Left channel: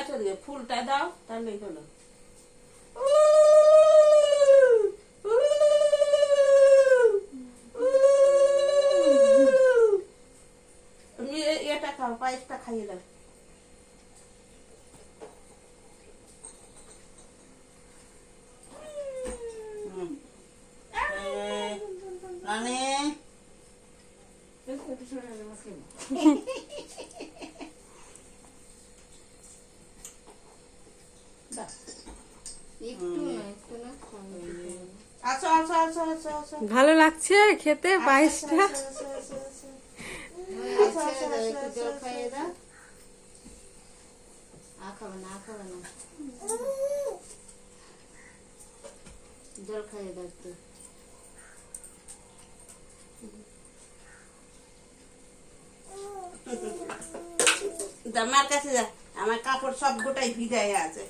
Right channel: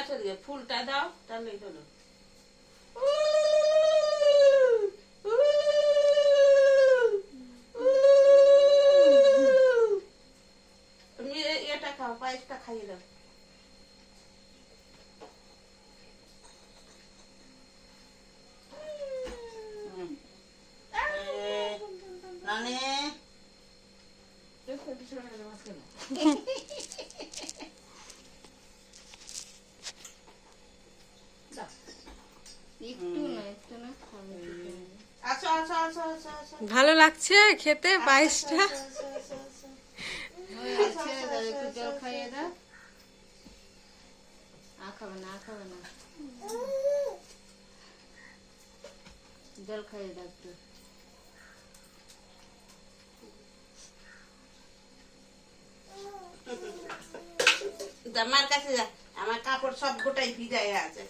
আছে দিয়ে ফুলটা দাও তাহলেই হলো। তুমি এটা খাও, পায়েসটা খাইয়ে দাও। নানি আচ্ছা আচ্ছা আচ্ছা আচ্ছা আচ্ছা ভালো লাগছে খেতে পায়েসটা? জল খাইয়ে দাও। খাবে না জল খাইয়ে দাও একটু। আমার কাছে যা, আমার কাপড় সব গোটাই ভিজায় আছে।